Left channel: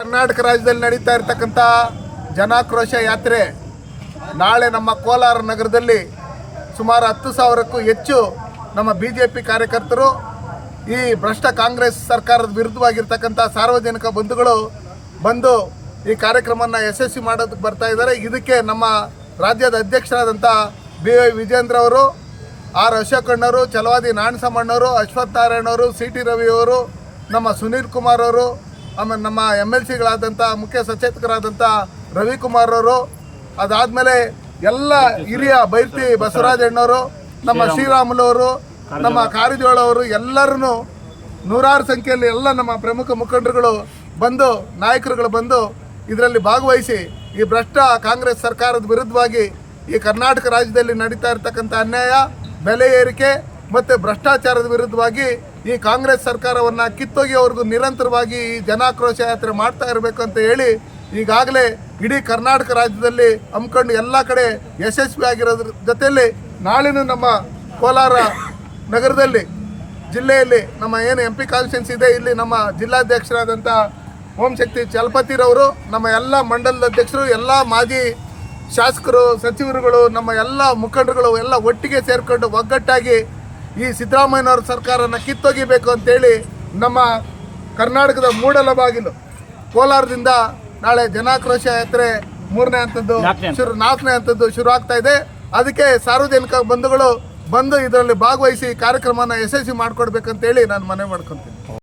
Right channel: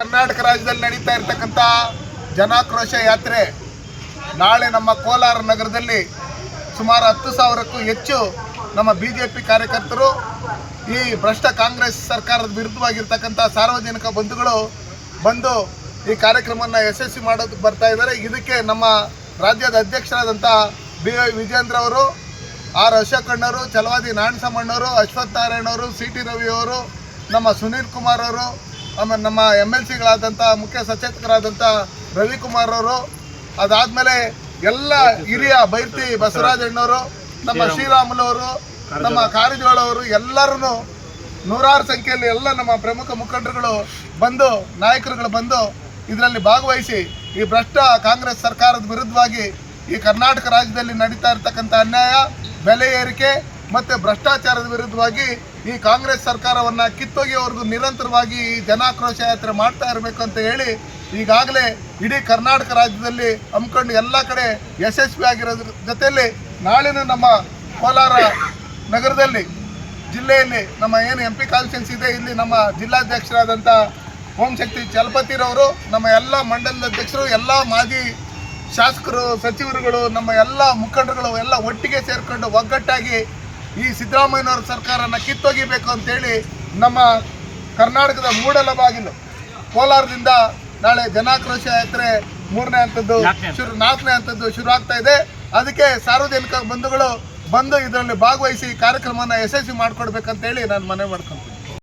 ಕರ್ನಾಟಕ ರಾಜ್ಯದಲ್ಲಿ ನಡೀತಾ ಇರತಕ್ಕಂಥ ಜನಾಕ್ರೋಶ ಯಾತ್ರೆ ನಾಳೆ ನಮ್ಮ ಕೋಲಾರ ನಗರದಲ್ಲಿ ಸುಮಾರು 10,000ಕ್ಕೂ ಹೆಚ್ಚು ನಮ್ಮ BJP ಕಾರ್ಯಕರ್ತರು ಈ ಭ್ರಷ್ಟ ಕಾಂಗ್ರೆಸ್ ಸರ್ಕಾರದ ವಿರುದ್ಧವಾಗಿರ್ತಕ್ಕಂಥ ಸಾರ್ವಜನಿಕ ಬಂಧುಗಳು ಬಂದು ಈ ಕಾರ್ಯಕ್ರಮವನ್ನು ಯಶಸ್ವಿ ಮಾಡೋದಕ್ಕೆ ಬರ್ತಾ ಇದ್ದಾರೆ. ಇದಕ್ಕೆ ನಮ್ಮ ರಾಜ್ಯದ ಅಧ್ಯಕ್ಷರಾದಂಥ BY ವಿಜೇಂದ್ರ ಅವರು, ಆರ್ ಅಶೋಕಣ್ಣವರು, ಛಲವಾದಿ ನಾಣಸಮ್ಮಣ್ಣವರು, ಅಶ್ವಥ್ ನಾರಾಯಣವರು, CT ರವಿಯವರು, ನಮ್ಮ ಸುನೀಲ್ ಕುಮಾರ್ ಅವರು, ಆಮೇಲೆ ನಮ್ಮ MLCಗಳಾದಂಥ ಮುಖ್ಯ ಸಚೇತಕರಾದಂಥ ರವಿಕುಮಾರ್ ಅವರು, ಅದಾದಮೇಲೆ ಎಲ್ಲ ಹಿರಿಯ ಬೈರ್ತಿ ಬಸವರಾಜಣ್ಣವರು, ನಮ್ಮ ಶ್ರೀರಾಮುಲವರು, ನಮ್ಮ ಕಾರಜೋಳ ಅವರು, ಎಲ್ಲರೂ ನೂರಾರು ಸಂಖ್ಯೆಯಲ್ಲಿ ಎಲ್ಲ ನಮ್ಮ ಪ್ರಮುಖ ಮುಖಂಡರುಗಳು ಬಂದು, ನಾಯಕರುಗಳು ಬಂದು ಇದರಲ್ಲಿ ಭಾಗವಹಿಸಿ ಈ ಭ್ರಷ್ಟ ಕಾಂಗ್ರೆಸ್ ಸರ್ಕಾರದ ವಿರುದ್ಧವಾಗಿ ಈ ಕರ್ನಾಟಕ ರಾಜ್ಯದಲ್ಲಿ ನಡೀತಾ ಇರತಕ್ಕಂಥ ಅನ್ಯಾಯ, ಬೆಲೆ ಏರಿಕೆ ಮತ್ತು ಭ್ರಷ್ಟಾಚಾರದ ವಿರುದ್ಧವಾಗಿ ಈ ಕಾಂಗ್ರೆಸ್ ಸರ್ಕಾರವನ್ನು ಕಿತ್ತೊಗೆಯವರೆಗೂ ನಿರಂತರವಾಗಿ ಈ ಜನಾಕ್ರೋಶ ಯಾತ್ರೆ ಮಾಡ್ತಾ ಇರಬೇಕು ಅಂತ ಹೇಳಿ ಈಗಾಗಲೇ ಇಡೀ ಕರ್ನಾಟಕ ರಾಜ್ಯದಲ್ಲಿ ಹಮ್ಮಿಕೊಂಡು ಎಲ್ಲ ಕಡೆ ಯಶಸ್ವಿಯಾಗಿರೋದ್ರ ಜೊತೆಯಲ್ಲಿ ನಾಳಿನ ನಮ್ಮ ಕೋಲಾರ ನಗರದಲ್ಲಿ ಜಿಲ್ಲೆಯಲ್ಲಿ ನಮ್ಮ ಏನು MP ಕಾನ್ಸ್ಟಿಟ್ಯೂನ್ಸಿ ಇದೆ, ಇಲ್ಲಿ ನಮ್ಮ ಜಿಲ್ಲಾಧ್ಯಕ್ಷರಾದಂಥ ಓಂಶಕ್ತಿ ಚಲಪತಿರವರು, ನಮ್ಮ ಎಲ್ಲ ಮಂಡಲದ ಅಧ್ಯಕ್ಷರು, ಎಲ್ಲ ಮಾಜಿ ಶಾಸಕರು, ಸಚಿವರುಗಳು, ನಮ್ಮ ಎಲ್ಲ ಮುಖಂಡರುಗಳು ಎಲ್ಲ ಒಟ್ಟಿಗೆ ಸೇರಿಕೊಂಡು ಒಗ್ಗಟ್ಟಾಗಿ ಈ ಸಿದ್ದರಾಮಯ್ಯನವ್ರ ಸರ್ಕಾರನ ಕಿತ್ತೊಗಿಬೇಕು ಅಂತೇಳಿ ನಮ್ಮ ಕರ್ನಾಟಕದ ಮೂಡಲಬಾಗಿಲು ಕೋಲಾರದಿಂದ ನಾಳೆ ಜನಾಕ್ರೋಶ ಯಾತ್ರೆ 3ನೇ ಹಂತದ್ದು 4ನೇ ಹಂತದ್ದು ಶುರು ಆಗ್ತಾ ಇದೆ. ಅದಕ್ಕೆ ಸಾರ್ವಜನಿಕ ಬಂಧುಗಳು ಬಂದು ಇದರಲ್ಲಿ ಭಾಗವಹಿಸಿ ಕಾರ್ಯಕ್ರಮನ ಯಶಸ್ವಿ ಮಾಡಿಕೊಡ್ಬೇಕಂತೇಳಿ ನಾನು ಮನವಿ ಮಾಡ್ಕೊತೀನಿ.